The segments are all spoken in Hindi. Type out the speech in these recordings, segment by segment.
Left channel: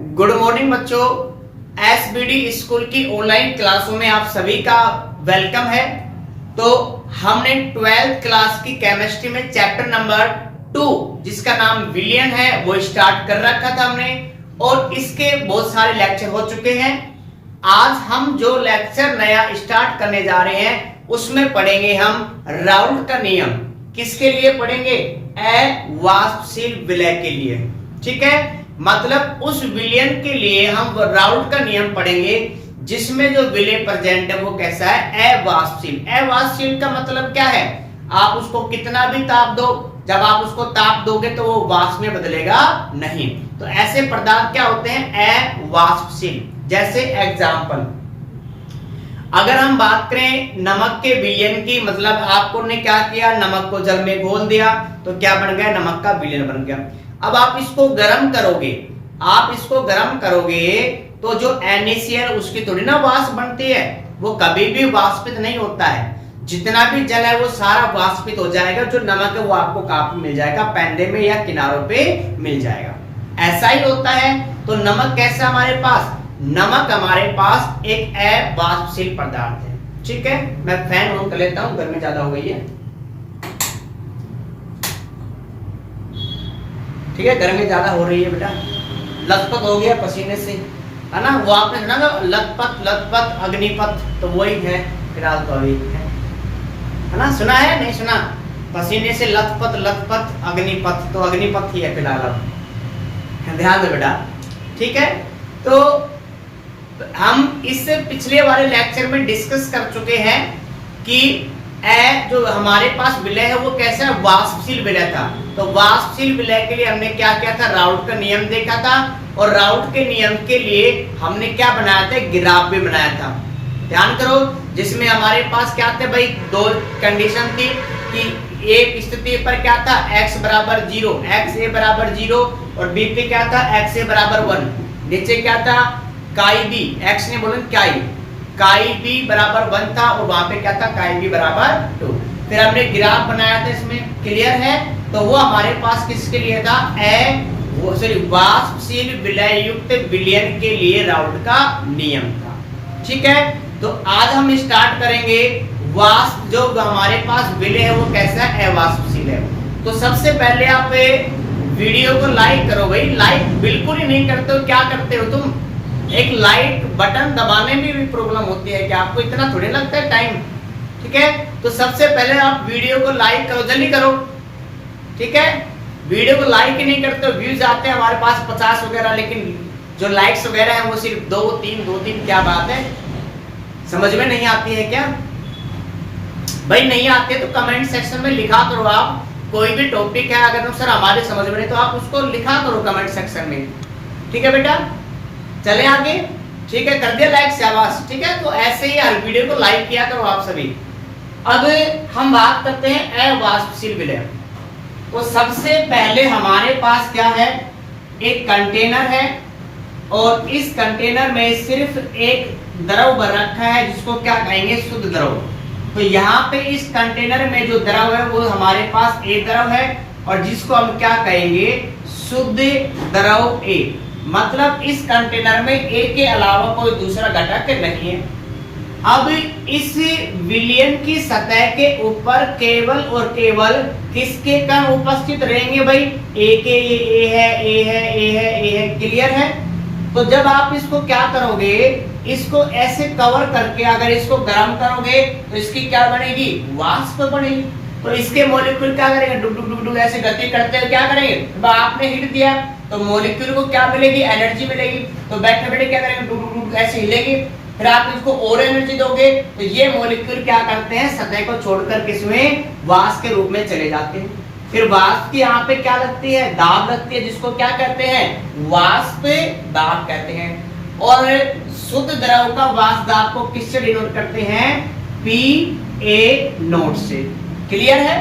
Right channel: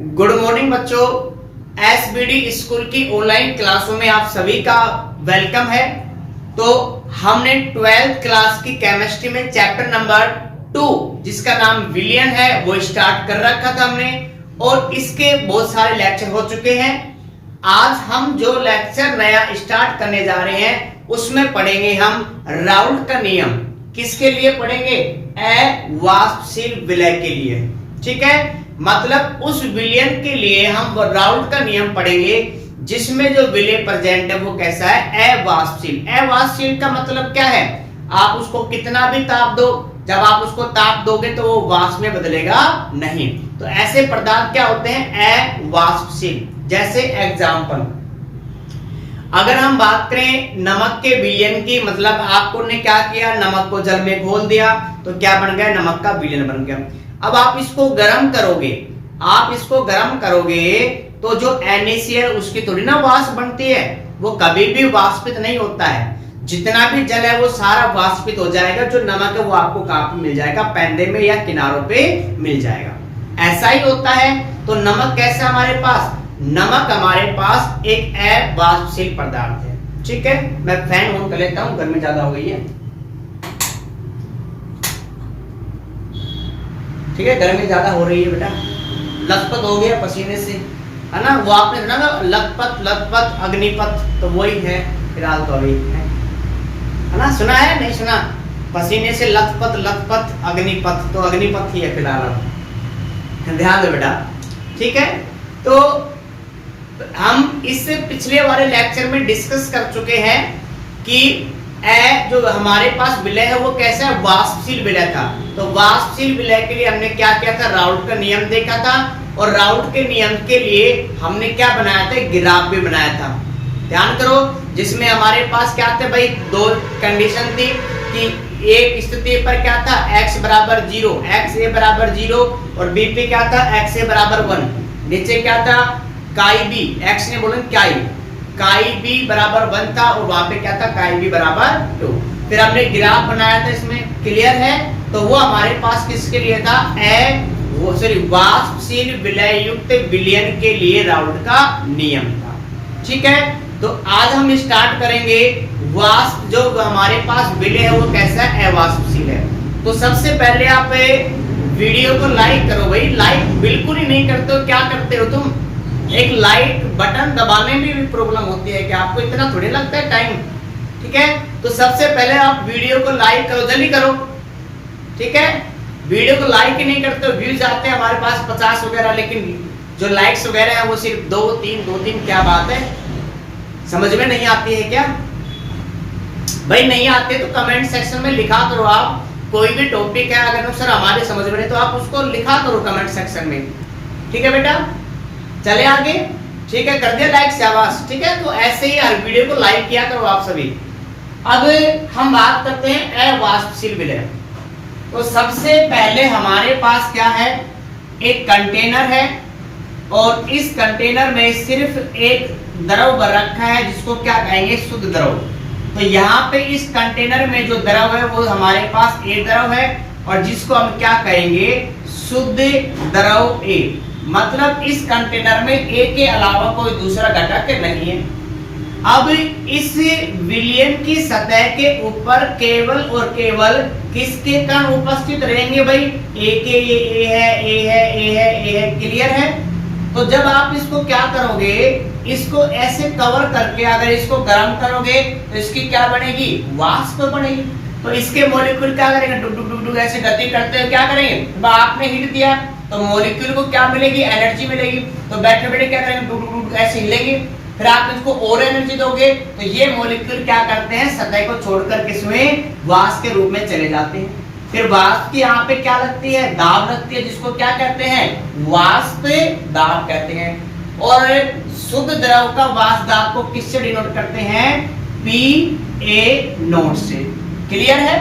गुड मॉर्निंग बच्चों, एसबीडी स्कूल की ऑनलाइन क्लासों में आप सभी का वेलकम है। तो हमने 12th क्लास की केमिस्ट्री में चैप्टर नंबर 2 जिसका नाम विलियन है वो स्टार्ट कर रखा था हमने, और इसके बहुत सारे लेक्चर हो चुके हैं। आज हम जो लेक्चर नया स्टार्ट करने जा रहे हैं उसमें पढ़ेंगे हम राउल्ट का नियम। किसके लिए पढ़ेंगे? अवाष्पशील विलय के लिए। ठीक है, मतलब उस विलयन के लिए हम राउल्ट का नियम पढ़ेंगे जिसमें जो विलय प्रेजेंट है वो कैसा है? अवाष्पशील। अवाष्पशील का मतलब क्या है? आप उसको कितना भी ताप दो, जब आप उसको ताप दोगे तो वो वाष्प में बदलेगा नहीं। तो ऐसे पदार्थ क्या होते हैं? अवाष्पशील। जैसे एग्जाम्पल, अगर हम बात करें नमक के विलयन की, मतलब आपको ने क्या किया, नमक को जल में घोल दिया तो क्या बन गया? नमक का विलयन बन गया। अब आप इसको गर्म करोगे, तो जो NaCl उसकी थोड़ी ना वाष्प बनती है, वो कभी भी वाष्पित नहीं होता है। जितना भी जल है वो सारा वाष्पित हो जाएगा, जो नमक है वो आपको कहां पे मिल जाएगा? पैंदे में या किनारों पे मिल जाएगा। ऐसा ही होता है। तो नमक कैसा हमारे पास? नमक हमारे पास एक अवाष्पशील पदार्थ है। ठीक है, मैं फैन ऑन कर लेता हूं, गर्मी ज्यादा हो गई है। ठीक है, गर्मी ज्यादा हो रही है बेटा, लथपथ हो गया पसीने से, है ना। वो आपने सुना ना, लथपथ अग्निपथ, तो वही है फिलहाल, तो अभी है ना। सुना है? नहीं सुना? पसीने से लथपथ अग्निपथ, तो अग्निपथ ही है फिलहाल। अब ध्यान दो बेटा। ठीक है, तो हम इससे पिछले वाले लेक्चर में डिस्कस कर चुके हैं कि जो हमारे पास विलय है वो कैसा है? वाष्पशील विलय था। तो वाष्पशील विलय के लिए हमने क्या किया था? राउल्ट का नियम देखा था, और राउल्ट के नियम के लिए हमने क्या बनाया था? ग्राफ भी बनाया था। ध्यान करो, जिसमें हमारे पास क्या थे भाई? दो कंडीशन थी कि एक स्थिति पर क्या था? x बराबर 0, xa बराबर 0, और b पे क्या था? xa बराबर 1। नीचे क्या था? काई b, x ने बोला काई b बराबर 1 था, और वहां पे क्या था? काई b बराबर 2। फिर हमने ग्राफ बनाया था, इसमें क्लियर है। तो वो हमारे पास किसके लिए था? वाष्पशील विलय युक्त विलयन के लिए राउल्ट का नियम था। ठीक है, तो आज हम स्टार्ट करेंगे वाष्प जो हमारे पास विलय है वो कैसा है? अवाष्पशील है। तो सबसे पहले आप वीडियो को लाइक करो भाई। लाइक बिल्कुल ही नहीं करते हो, क्या करते हो तुम? एक लाइक बटन दबाने में भी प्रॉब्लम होती है, क्या आपको इतना थोड़ी लगता है टाइम? ठीक है, तो सबसे पहले आप वीडियो को लाइक करो, जल्दी करो। ठीक है, वीडियो को लाइक ही नहीं करते हो, व्यूज आते हैं हमारे पास 50 वगैरह, लेकिन जो लाइक्स वगैरह है वो सिर्फ 2-3। क्या बात है? समझ में नहीं आती है क्या भाई? नहीं आती है तो कमेंट सेक्शन में लिखा करो। आप कोई भी टॉपिक है, अगर सर हमारे समझ में नहीं, तो आप उसको लिखा करो कमेंट सेक्शन में। ठीक है बेटा, चले आगे। ठीक है, कर दिया लाइक, शाबाश। ठीक है, तो ऐसे ही हर वीडियो को लाइक किया करो आप सभी। अब हम बात करते हैं अवाष्पशील विलय। तो सबसे पहले हमारे पास क्या है? एक कंटेनर है, और इस कंटेनर में सिर्फ एक द्रव भर रखा है जिसको क्या कहेंगे? शुद्ध द्रव। तो यहाँ पे इस कंटेनर में जो द्रव है वो हमारे पास A द्रव है, और जिसको हम क्या कहेंगे? शुद्ध द्रव A। मतलब इस कंटेनर में A के अलावा कोई दूसरा घटक नहीं है। अब इस विलयन की सतह के ऊपर केवल और केवल किसके कण उपस्थित रहेंगे भाई? A के, ये A है। क्लियर है? तो जब आप इसको क्या करोगे? इसको ऐसे कवर करके अगर इसको गर्म करोगे तो इसकी क्या बनेगी? वाष्प बनेगी। तो इसके मॉलिक्यूल क्या करेंगे? डुक डुक डुक डुक ऐसे गति करते हैं, क्या करेंगे? आपने हीट दिया तो मॉलिक्यूल को क्या मिलेगी? एनर्जी मिलेगी। तो बैठे बैठे क्या करेंगे? डुक डुक डुक ऐसे हिलेंगे। फिर आप इसको और एनर्जी दोगे तो ये मॉलिक्यूल क्या करते हैं? सतह को छोड़कर किसमें? वाष्प के रूप में चले जाते हैं। फिर वाष्प की यहाँ पे क्या लगती है? दाब लगती है, जिसको क्या कहते हैं? वाष्प दाब कहते हैं। और शुद्ध द्रव का वाष्प दाब को किससे डिनोट करते हैं? PA0 से। क्लियर है?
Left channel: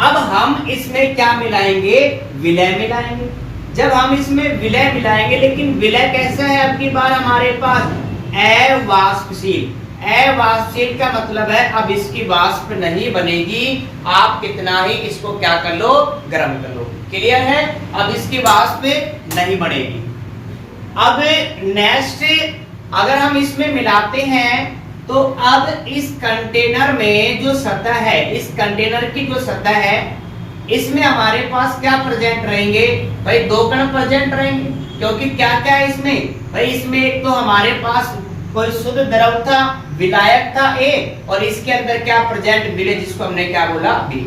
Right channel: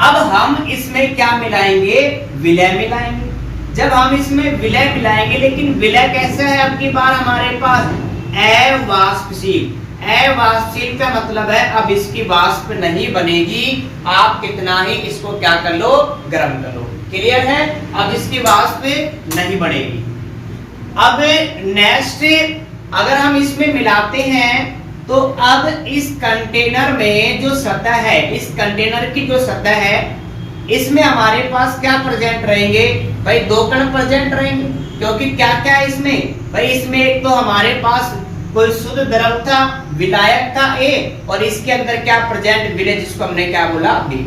अब हम इसमें क्या मिलाएंगे? विलय मिलाएंगे। जब हम इसमें विलय मिलाएंगे, लेकिन विलय कैसे है अब की बार हमारे पास? अवाष्पशील। अवाष्पशील का मतलब है अब इसकी वाष्प नहीं बनेगी, आप कितना ही इसको क्या कर लो? गर्म कर लो। क्लियर है? अब इसकी वाष्प नहीं बनेगी। अब नेक्स्ट अगर हम इसमें मिलाते हैं तो अब इस कंटेनर में जो सतह है, इस कंटेनर की जो सतह है, इसमें हमारे पास क्या प्रेजेंट रहेंगे भाई? दो कण प्रेजेंट रहेंगे, क्योंकि क्या क्या है इसमें भाई? इसमें एक तो हमारे पास कोई शुद्ध द्रव था, विलायक था A, और इसके अंदर क्या प्रेजेंट विलय, जिसको हमने क्या बोला B।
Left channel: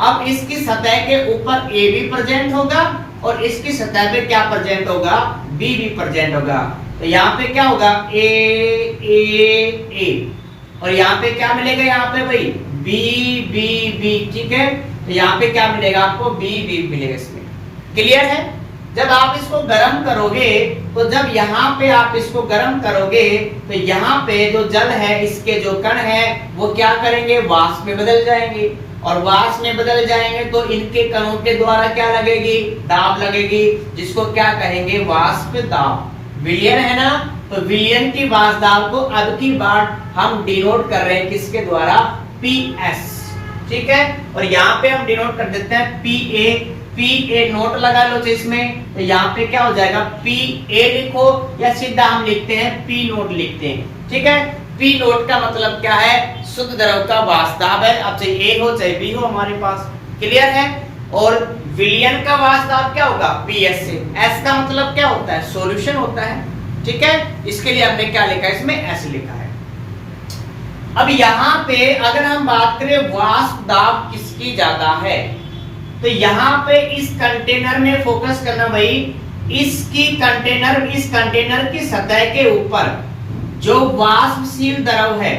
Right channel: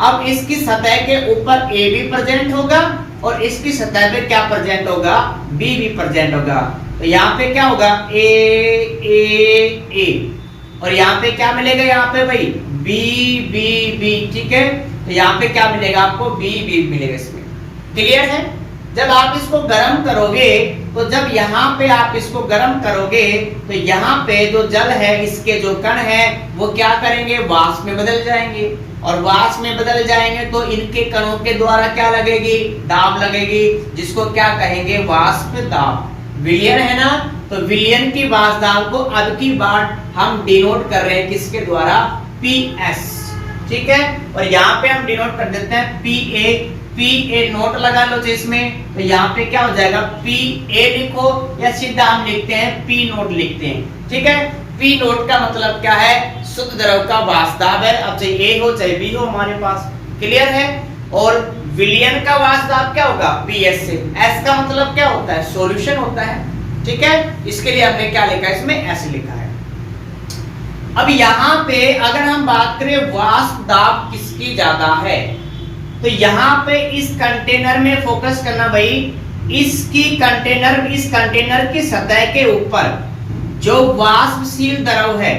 अब इसकी सतह के ऊपर A भी प्रेजेंट होगा और इसकी सतह पे क्या प्रेजेंट होगा? B भी प्रेजेंट होगा। तो यहाँ पे क्या होगा? A A A, और यहाँ पे क्या मिलेगा? यहाँ पे भाई B B B, ठीक है। तो यहाँ पे क्या मिलेगा आपको? B B मिलेगा इसमें। क्लियर है? जब आप इसको गर्म करोगे तो जब यहाँ पे आप इसको गर्म करोगे तो यहाँ पे जो जल है, इसके जो कण है वो क्या करेंगे? वाष्प में बदल जाएंगे, और वाष्प में बदल जाएंगे तो इनके कणों के द्वारा क्या लगेगी? दाब लगेगी, जिसको क्या कहेंगे? वाष्प दाब। विलयन है ना, तो विलयन की वाष्प दाब को अब की बार हम डिनोट कर रहे हैं किसके द्वारा? PS, ठीक है। और यहाँ पे हम डिनोट कर देते हैं PA। PA नोट लगा लो इसमें, तो यहाँ पे क्या हो जाएगा? PA लिखो, या सीधा हम लिखते हैं P नोट लिखते हैं, ठीक है। P नोट का मतलब क्या है? शुद्ध द्रव का वाष्प दाब है, अब चाहे A हो चाहे B हो हमारे पास। क्लियर है? और विलयन का वाष्प दाब क्या होगा? PS से। S का मतलब क्या होता है? सॉल्यूशन होता है, ठीक है। इसके लिए हमने क्या लिखा है? इसमें S लिखा है। अब यहाँ पे अगर हम बात करें वाष्प दाब किसकी ज्यादा है, तो यहाँ पे इस कंटेनर में फोकस करना भाई। इस कंटेनर की सतह के ऊपर जो वाष्पशील द्रव है,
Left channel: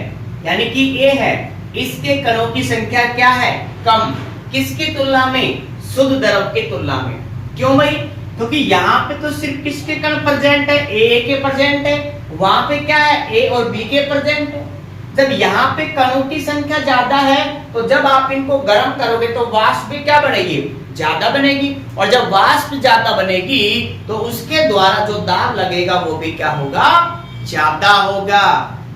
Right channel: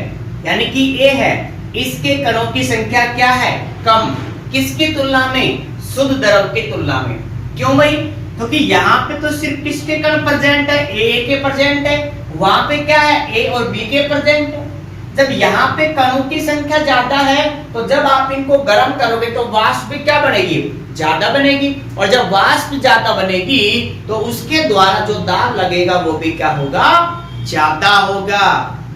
यानी कि A है, इसके कणों की संख्या क्या है? कम। किसकी तुलना में? शुद्ध द्रव की तुलना में। क्यों भाई? क्योंकि यहाँ पे तो सिर्फ किसके कण प्रेजेंट है? A के प्रेजेंट है। वहां पे क्या है? A और B के प्रेजेंट है। जब यहाँ पे कणों की संख्या ज्यादा है तो जब आप इनको गर्म करोगे तो वाष्प भी क्या बनेगी? ज्यादा बनेगी, और जब वाष्प ज्यादा बनेगी तो उसके द्वारा जो दाब लगेगा वो भी क्या होगा? ज्यादा होगा।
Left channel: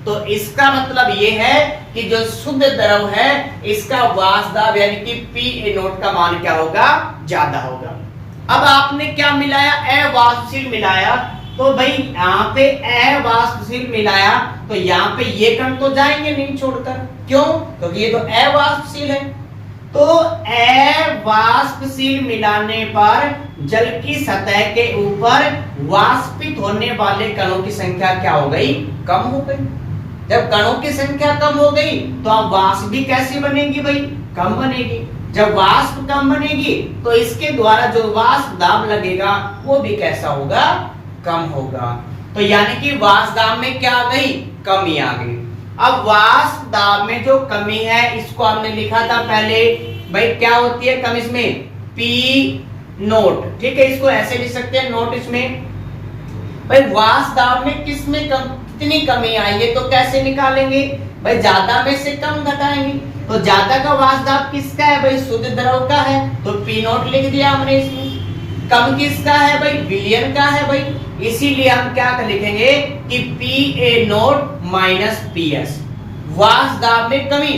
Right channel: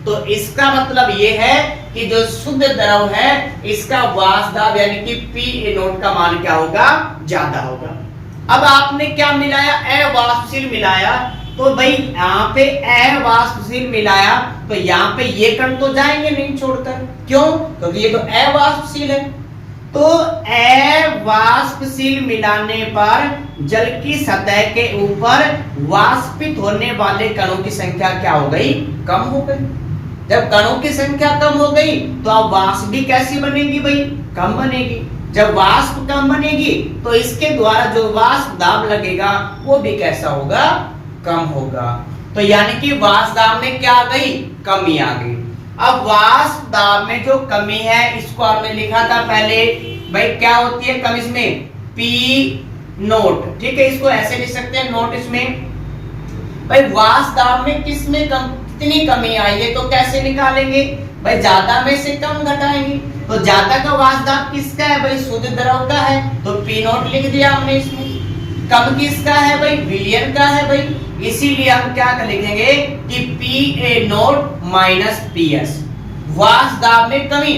तो इसका मतलब ये है कि जो शुद्ध द्रव है इसका वाष्प दाब यानी कि PA नोट का मान क्या होगा? ज्यादा होगा। अब आपने क्या मिलाया? अवाष्पशील मिलाया, तो भाई यहाँ पे अवाष्पशील मिलाया तो यहाँ पे ये कण तो जाएंगे नहीं छोड़कर। क्यों? क्योंकि ये तो अवाष्पशील है। तो अवाष्पशील मिलाने पर जल की सतह के ऊपर वाष्पित होने वाले कणों की संख्या क्या हो गई? कम हो गई। जब कणों की संख्या कम हो गई तो अब वाष्प भी कैसी बनेगी भाई? कम बनेगी। जब वाष्प कम बनेगी तो इसके द्वारा जो वाष्प दाब लगेगा वो भी कैसा होगा? कम होगा। तो यानी कि वाष्प दाब में क्या आ गई? कमी आ गई। अब वाष्प दाब में जो कमी है इसको हमने लिखा था पहले भाई, क्या होती है कमी? इसमें P नोट, ठीक है। इसको ऐसे लिख सकते हैं नोट इसमें। भाई वाष्प दाब में किसमें कितनी कमी आई है तो कैसे निकालेंगे भाई? ज्यादा में से कम घटाएंगे। तो ज्यादा का वाष्प दाब किसका है भाई? शुद्ध द्रव का है, तो P नोट लिख दिया हमने इसमें। कम किसका है भाई? विलयन का है भाई। इसीलिए हम क्या लिखेंगे कि PA नोट माइनस PS। वाष्प दाब में कमी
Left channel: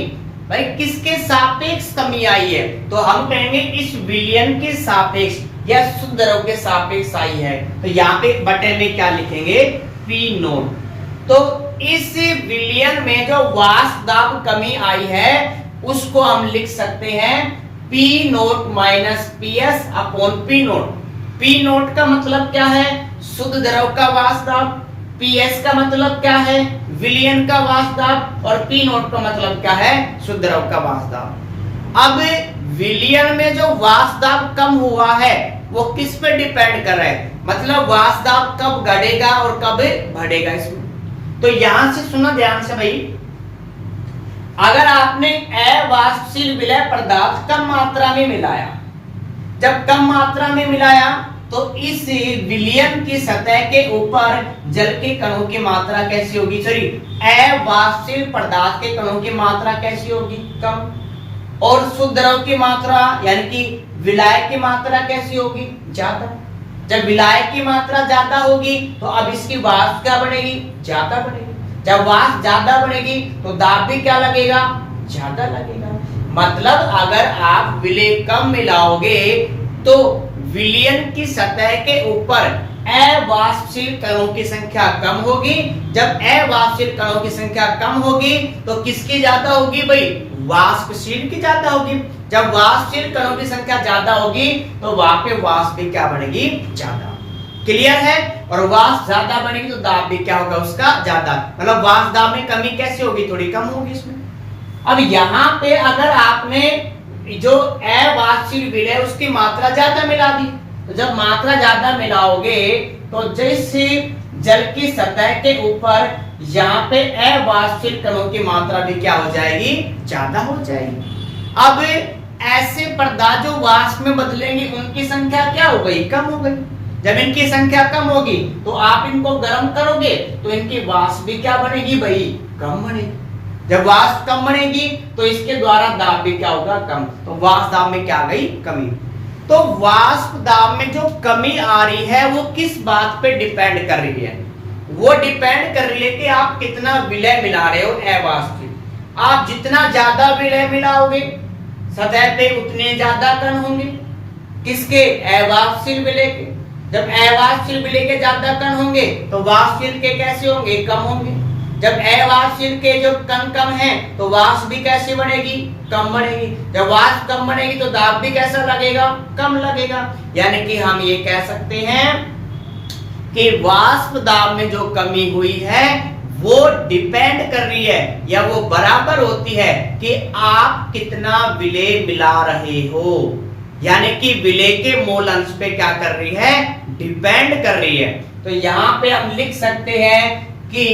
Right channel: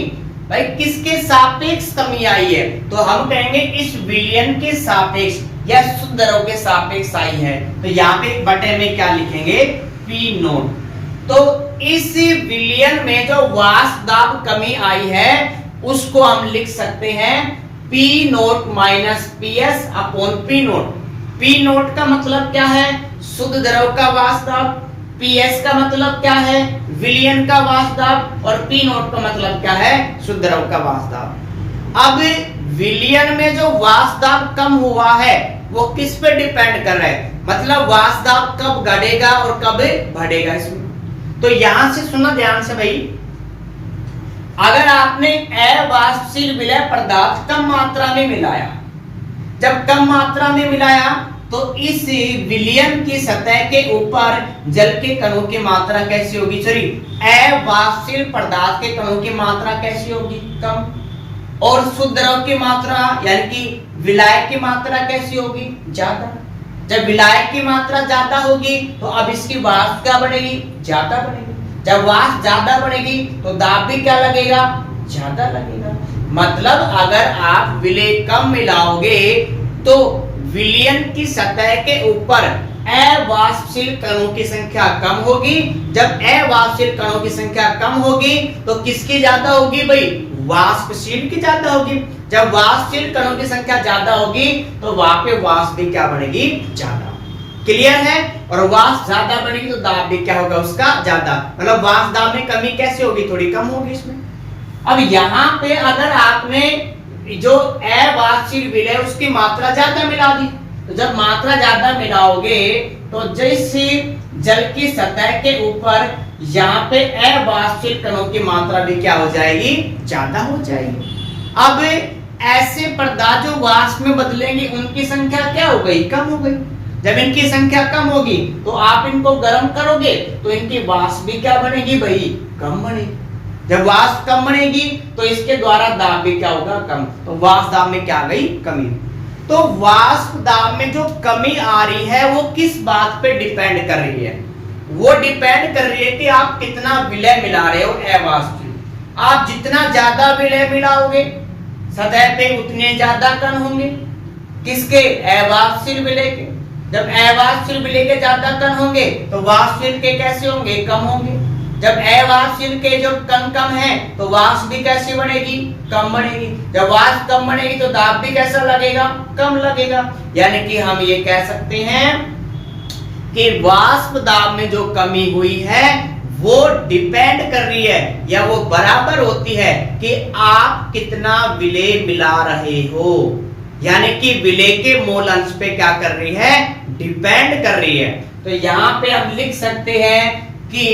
भाई किसके सापेक्ष कमी आई है? तो हम कहेंगे इस विलयन के सापेक्ष या शुद्ध द्रव के सापेक्ष आई है। तो यहाँ पे बटे में क्या लिखेंगे? P note. तो इस विलयन में जो वाष्प दाब कमी आई है उसको हम लिख सकते हैं P note minus PS upon P note. P note का मतलब क्या है? शुद्ध द्रव का वाष्प दाब। PS का मतलब क्या है? विलयन का वाष्प दाब। और P नोट का मतलब क्या है? शुद्ध द्रव का वाष्प दाब। अब विलयन में जो वाष्प दाब कम हुआ है वो किस पे डिपेंड कर रहा है? मतलब वाष्प दाब कब घटेगा और कब बढ़ेगा इसमें। तो यहां से सुनो ध्यान से भाई, अगर आपने अवाष्पशील विलय पदार्थ कम मात्रा में मिलाया, जब कम मात्रा में मिलाया तो इस विलयन की सतह के ऊपर जल के कणों की मात्रा कैसी होगी? सॉरी, अवाष्पशील पदार्थ के कणों की मात्रा कैसी होगी? कम। और शुद्ध द्रव की मात्रा यानी कि विलायक की मात्रा कैसी होगी? ज्यादा। जब विलायक की मात्रा ज्यादा होगी तो अब इसकी वाष्प क्या बनेगी? ज्यादा बनेगी। जब वाष्प ज्यादा बढ़ेगी तो दाब भी क्या लगेगा? ज्यादा लगेगा। मतलब अगर आप विलय कम मिलाओगे तो विलयन की सतह के ऊपर अवाष्पशील कणों की संख्या कम होगी। जब अवाष्पशील कणों की संख्या कम होगी तो किसकी ज्यादा होगी भाई? वाष्पशील की ज्यादा होगी। जब वाष्पशील कणों की संख्या ज्यादा होगी तो वहां पे वाष्प भी क्या बनेगी? ज्यादा। क्लियर है? और वाष्प ज्यादा बनेगी तो दाब भी क्या होगा उसका? ज्यादा। मतलब वाष्प दाब में कमी कैसे होगी? थोड़ी कम होगी इसमें। अब यहाँ पे अगर आपने जो अवाष्पशील विलय उसकी मात्रा ज्यादा मिला दी, तो जब मात्रा ज्यादा मिलाओगे तो जैसे जल की सतह के ऊपर यहाँ पे अवाष्पशील कणों की मात्रा भी क्या हो जाएगी? ज्यादा हो जाएगी। अब ऐसे पदार्थ जो वाष्प में बदलेंगे उनकी संख्या क्या हो गई? कम हो गई। जब इनकी संख्या कम होगी तो आप इनको गर्म करोगे तो इनकी वाष्प भी क्या बनेगी भाई? कम बनेगी। जब वाष्प कम बनेगी तो इसके द्वारा दाब भी क्या होगा? कम। तो वाष्प दाब में क्या आ गई? कमी। तो वाष्प दाब में जो कमी आ रही है वो किस बात पे डिपेंड कर रही है? वो डिपेंड कर रही है कि आप कितना विलय मिला रहे हो अवाष्पशील। आप जितना ज्यादा विलय मिलाओगे सतह पे उतने ज्यादा कण होंगे। किसके? अवाष्पशील विलय के। जब अवाष्पशील विलय के ज्यादा कण होंगे तो वाष्पशील के कैसे होंगे? कम होंगे। जब अवाष्पशील के जो कण कम है तो वाष्प भी कैसे बनेगी? कम बनेगी। जब वाष्प कम बनेगी तो दाब भी कैसा लगेगा? कम लगेगा। यानी कि हम ये कह सकते हैं कि वाष्प दाब में जो कमी हुई है वो डिपेंड कर रही है या वो बराबर होती है कि आप कितना विलय मिला रहे हो। यानी कि विलय के मोल अंश पे क्या कर रही है? डिपेंड कर रही है। तो यहाँ पे हम लिख सकते हैं कि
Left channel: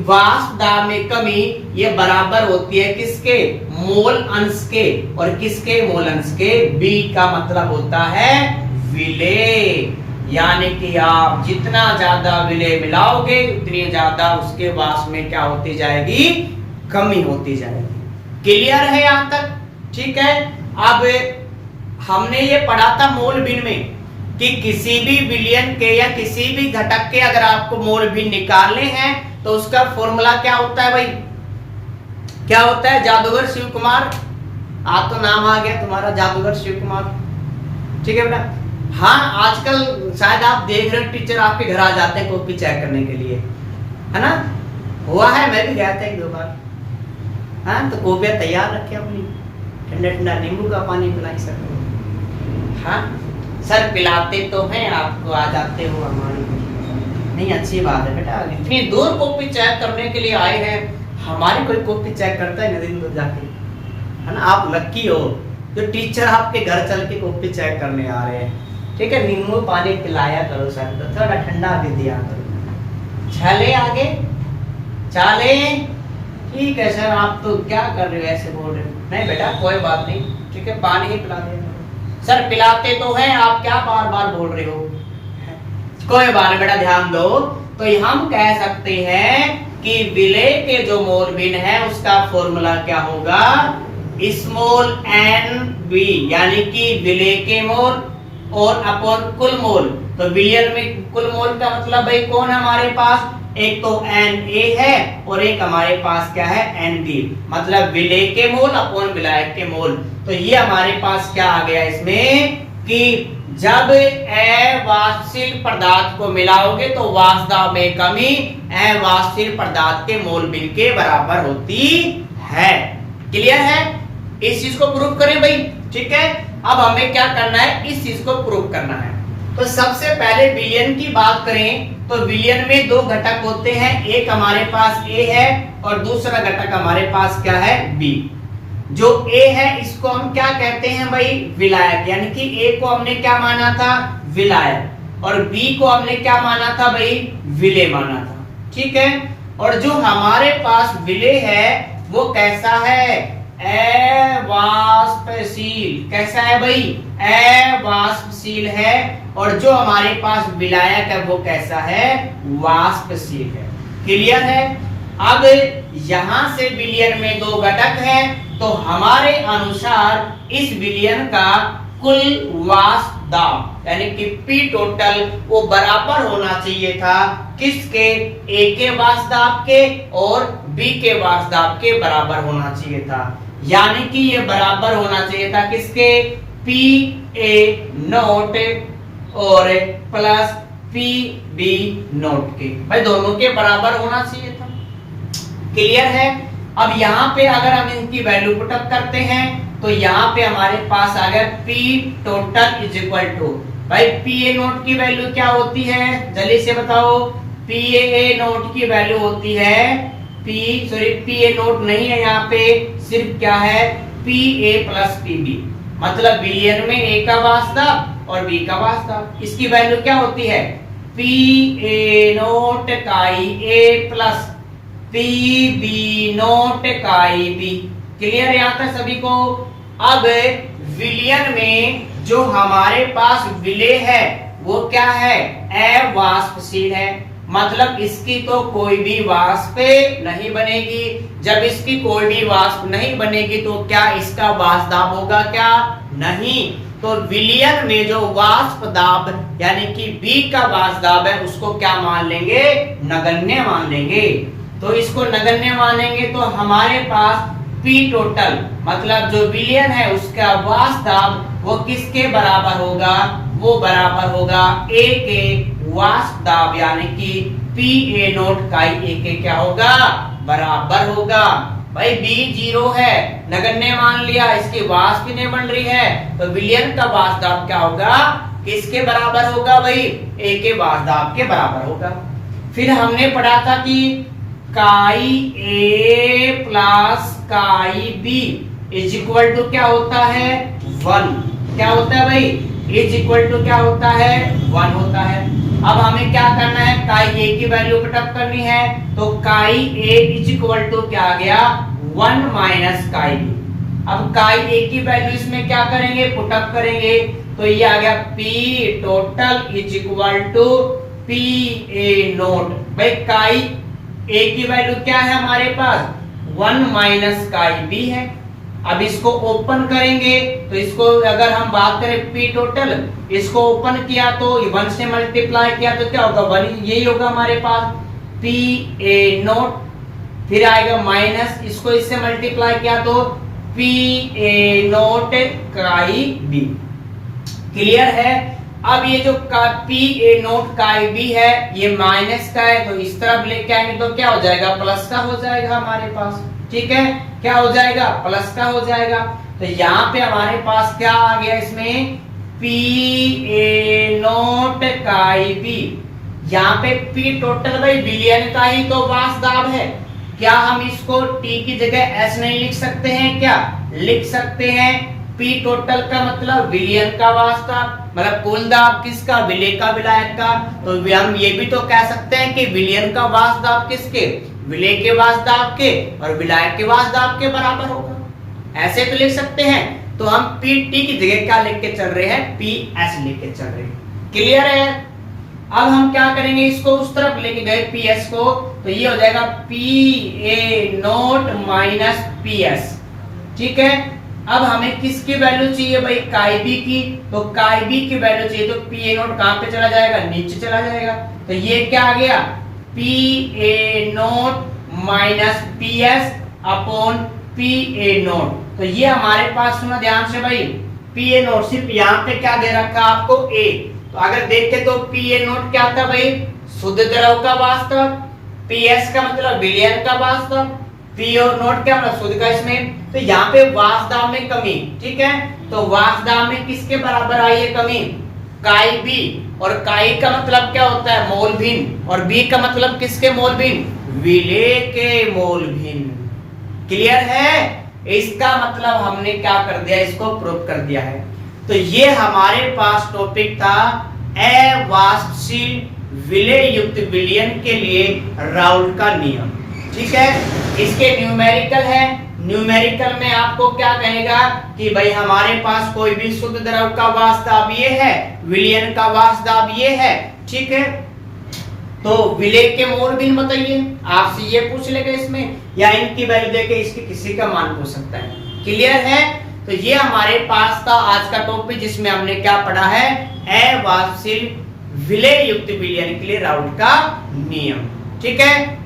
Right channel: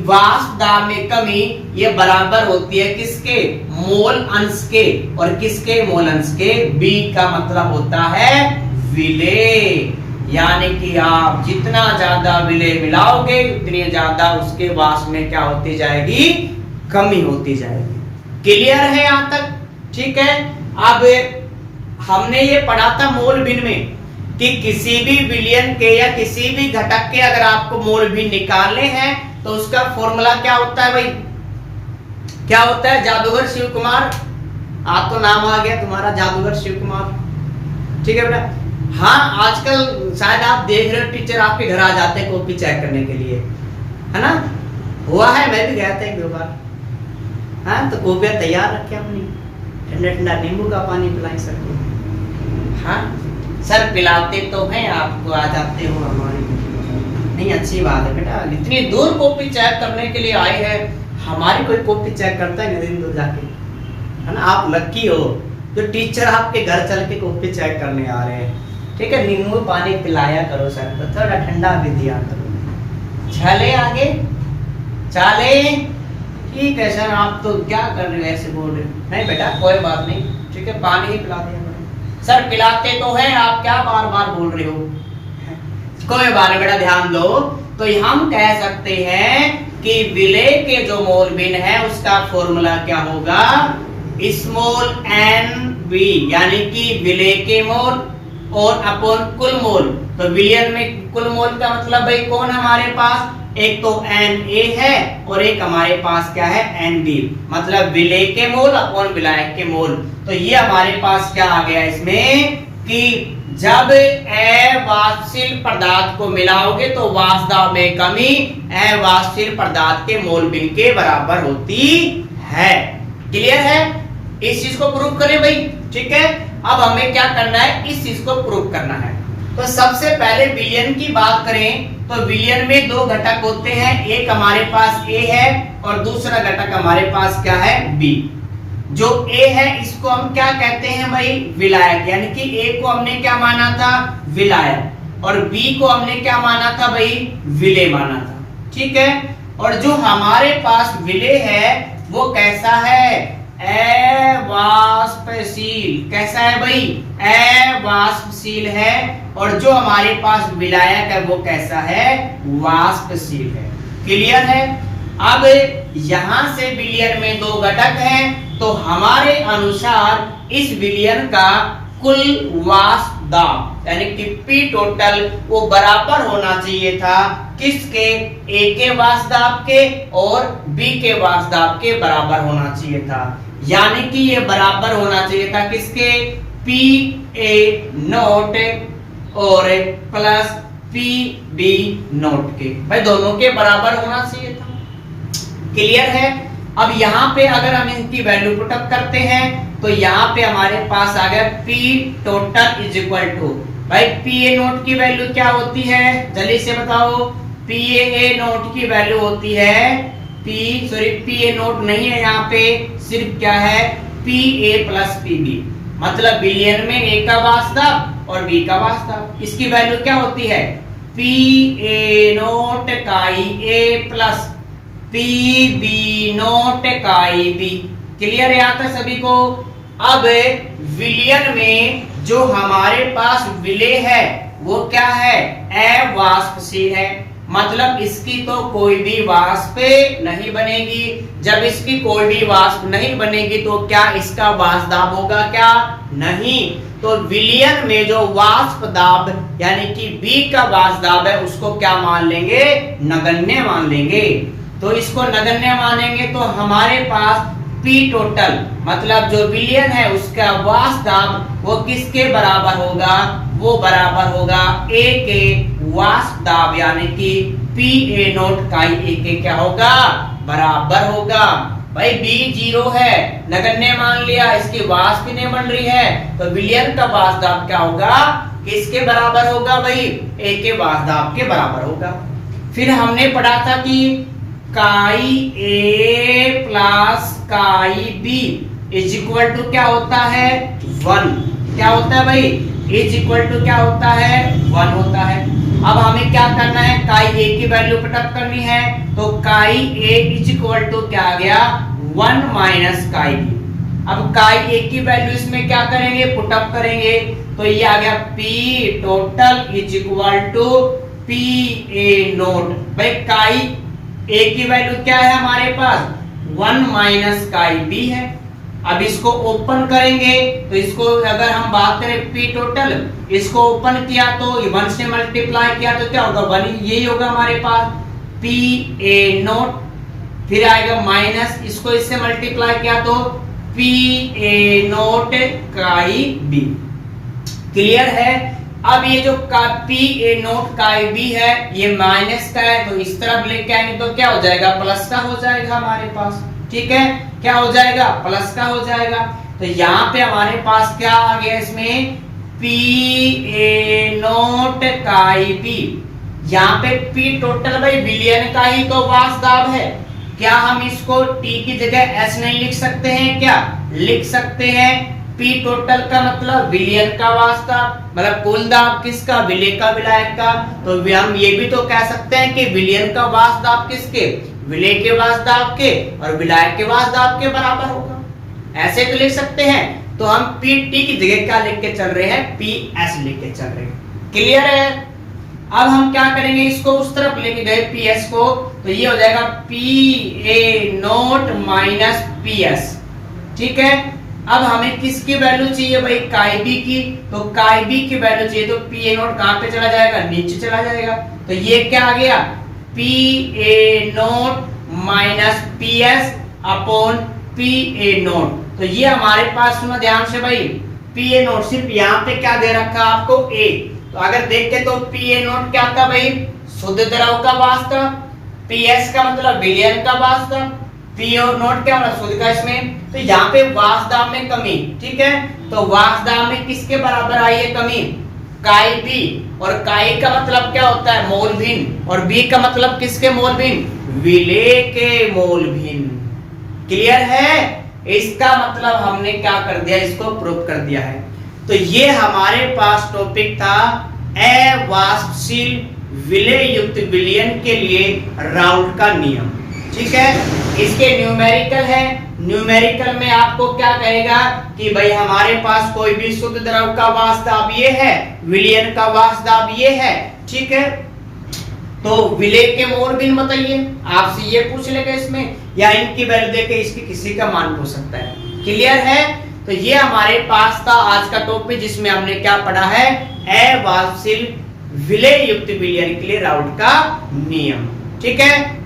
वाष्प दाब में कमी ये बराबर होती है किसके? मोल अंश के। और किसके? मोल अंश के। बी का मतलब होता है विलय। यानी कि आप जितना ज्यादा विलय मिलाओगे उतनी ज्यादा उसके वाष्प में क्या होती जाएगी? कमी होती जाएगी। क्लियर है यहां तक? ठीक है। अब हमने ये पढ़ा था मोल भिन्न में कि किसी भी विलयन के या किसी भी घटक के अगर आपको मोल भिन्न निकालने हैं तो उसका फॉर्मूला क्या होता है भाई? क्या होता है? जादूगर शिव कुमार। आज तो नाम आ गया तुम्हारा, जादूगर शिव कुमार। ठीक है बेटा। हाँ, आजकल शायद आप देख रहे हो टीचर आपके घर आ जाते हैं कॉपी चेक करने के लिए, है ना? हुआ है, मैं भी गया था एक दो बार। हाँ, तो कॉपियां तैयार रखे अपनी, ठंडा ठंडा नींबू का पानी पिलाई सर को। हाँ सर, पिलाते तो हैं, आपको आ जाते हो हमारी। नहीं, अच्छी बात है बेटा। इतनी दूर कॉपी चेक करने के लिए आए हैं, हमारी कोई कॉपी चेक करता है दिन दूर जाके, है ना? आप लक्की हो जो टीचर आपके घर चल के कॉपी चेक करने आ रहे हैं। ठीक है, नींबू पानी पिलाया करो सर को, थोड़ा ठंडा भी दिया करो। चले आगे, चले। ठीक है सर, आप तो क्या कर रहे हो ऐसे बोल रहे? नहीं बेटा, कोई बात नहीं। ठीक है, पानी ही पिला दें सर। पिलाते तो हैं, आप क्या बार बार बोल रहे हो? कोई बात नहीं बेटा, ध्यान दो। तो हम कह सकते हैं कि विलय के जो मोल भिन्न है उसका फॉर्मूला क्या होगा? स्मॉल एन बी, यानी कि विलय के मोल और अपॉन कुल मोल। तो विलयन में कुल मोल का मतलब भाई कौन है हमारे पास? एक तो एन ए है और एक हमारे पास क्या है? N B. मतलब विलय के मोल अपॉन विलायक के मोल। तो ये हमारे पास क्या आ गया इसमें कि जब अवाष्पशील पदार्थ को मिलाओगे तो वाष्प दाब में कमी अवाष्पशील पदार्थ के मोल भिन्न के बराबर होती है। क्लियर है? इस चीज को प्रूव करें भाई। ठीक है, अब हमें क्या करना है? इस चीज को प्रूव करना है। तो सबसे पहले विलयन की बात करें तो विलयन में दो घटक होते हैं, एक हमारे पास ए है और दूसरा घटक हमारे पास क्या है? बी। जो ए है इसको हम क्या कहते हैं भाई? विलायक। यानी कि ए को हमने क्या माना था? विलायक। और बी को हमने क्या माना था भाई? विलय माना था। ठीक है, और जो हमारे पास विलय है वो कैसा है? अवाष्पशील। कैसा है भाई? अवाष्पशील है। और जो हमारे पास विलायक है वो कैसा है? वाष्पशील है। क्लियर है? अब यहां से विलयन में दो घटक हैं, तो हमारे अनुसार इस विलयन का कुल वाष्प दाब यानी कि पी टोटल वो बराबर होना चाहिए था किसके? ए के वाष्प दाब के और बी के वाष्प दाब के बराबर होना चाहिए था। यानी कि ये बराबर होना चाहिए था किसके? पी ए नोट और प्लस पी बी नोट के, भाई दोनों के बराबर होना चाहिए था। क्लियर है। अब यहाँ पे अगर हम इनकी वैल्यू पुटअप करते हैं तो यहाँ पे हमारे पास आ गया P total is equal to, भाई पी ए नोट की वैल्यू क्या होती है जल्दी से बताओ। पी ए नोट की वैल्यू होती है पी ए नोट नहीं है यहाँ पे, सिर्फ क्या है P A plus P B, मतलब बिलियन में ए का वास्तव और बी का वास्तव। इसकी वैल्यू क्या होती है पी ए नोट काई A plus P B note काई बी। क्लियर है यहाँ तक सभी को। अब विलियन में जो हमारे पास विलेय है वो क्या है अवाष्पशील है, मतलब इसकी तो कोई भी वाष्प नहीं बनेगी। जब इसकी कोई भी वाष्प नहीं बनेगी तो क्या इसका वाष्प दाब होगा क्या नहीं। तो विलियन में जो वाष्प दाब यानी कि बी का वाष्प दाब है उसको क्या मान लेंगे नगण्य मान लेंगे। तो इसको नगण्य मानेंगे तो हमारे पास P टोटल मतलब जो विलियन है उसका वाष्प दाब वो किसके बराबर होगा, वो बराबर होगा A के वाष्प दाब यानी कि पी ए नोट काई ए के क्या होगा बराबर होगा। भाई B 0 है नगण्य मान लिया, इसकी वाष्प भी नहीं बन रही है तो विलियन का वाष्प दाब क्या होगा किसके बराबर होगा भाई A के वाष्प दाब के बराबर होगा। फिर हमने पढ़ा था कि काई ए प्लस काई बी इज इक्वल टू क्या होता है 1। क्या होता है भाई इज इक्वल टू क्या होता है 1 होता है। अब हमें क्या करना है काई ए की वैल्यू पुटअप करनी है तो काई ए इज इक्वल टू क्या आ गया 1 माइनस काई बी। अब काई ए की वैल्यू इसमें क्या करेंगे पुटअप करेंगे तो ये आ गया P total is equal to P A naught. भाई काई ए की वैल्यू क्या है हमारे पास 1 माइनस काई बी है। अब इसको ओपन करेंगे तो इसको अगर हम बात करें पी टोटल इसको ओपन किया तो 1 से मल्टीप्लाई किया तो क्या होगा 1 यही होगा हमारे पास पी ए नोट, फिर आएगा माइनस इसको इससे मल्टीप्लाई किया तो पी ए नोट काई बी। क्लियर है। अब ये जो पी ए नोट काई बी है ये माइनस का है तो इस तरफ लेके आएंगे तो क्या हो जाएगा प्लस का हो जाएगा हमारे पास। ठीक है क्या हो जाएगा प्लस का हो जाएगा। तो यहाँ पे हमारे पास क्या आ गया इसमें पी ए नोट काई बी। यहाँ पे पी टोटल भाई विलियन का ही तो वाष्प दाब है, क्या हम इसको टी की जगह एस नहीं लिख सकते हैं क्या लिख सकते हैं। पी टोटल का मतलब विलियन का वाष्प दाब मतलब कुल दाब किसका विलेय का विलायक का। तो हम ये भी तो कह सकते हैं कि विलियन का वाष्प दाब किसके विलेय के वाष्प दाब के और विलायक के वाष्प दाब के बराबर होगा, ऐसे तो लिख सकते हैं। तो हम पी टी की जगह क्या लिख के चल रहे हैं पी एस लिख के चल रहे हैं। क्लियर है। अब हम क्या करेंगे इसको उस तरफ लेके गए पी एस को तो ये हो जाएगा P A note minus P S. ठीक है। अब हमें किसकी वैल्यू चाहिए भाई काई बी की, तो काई बी की वैल्यू चाहिए तो पी ए नोट कहां पे चला जाएगा नीचे चला जाएगा। तो ये क्या आ गया P A note minus P S upon P A note. तो ये हमारे पास सुनो ध्यान से भाई पी ए नोट सिर्फ यहाँ पे क्या दे रखा आपको ए, तो अगर देखे तो पी ए नोट क्या था भाई शुद्ध द्रव का वास्तव, पी एस का मतलब विलियन का वास्तव, पी और नोट क्या मतलब शुद्ध का इसमें। तो यहाँ पे वाष्प दाब में कमी। ठीक है तो वाष्प दाब में किसके बराबर आई है कमी काई बी, और काई का मतलब क्या होता है मोल भिन्न और बी का मतलब किसके मोल भिन्न विलेय के मोल भिन्न। क्लियर है। इसका मतलब हमने क्या कर दिया इसको प्रूव कर दिया है। तो ये हमारे पास टॉपिक था अवाष्पशील विलेय युक्त विलयन के लिए राउल्ट का नियम। ठीक है। इसके न्यूमेरिकल है, न्यूमेरिकल में आपको क्या कहेगा कि भाई हमारे पास कोई भी शुद्ध द्रव का वाष्प दाब ये है, विलयन का वाष्प दाब ये है। ठीक है। तो विलेय के मोल भिन्न बताइए, आपसे ये पूछ लेगा इसमें या इनकी वैल्यू देके इसकी किसी का मान पूछ सकता है। क्लियर है। तो ये हमारे पास था आज का टॉपिक जिसमें हमने क्या पढ़ा है अवाष्पशील विलेय युक्त विलयन के लिए राउल्ट का नियम। ठीक है।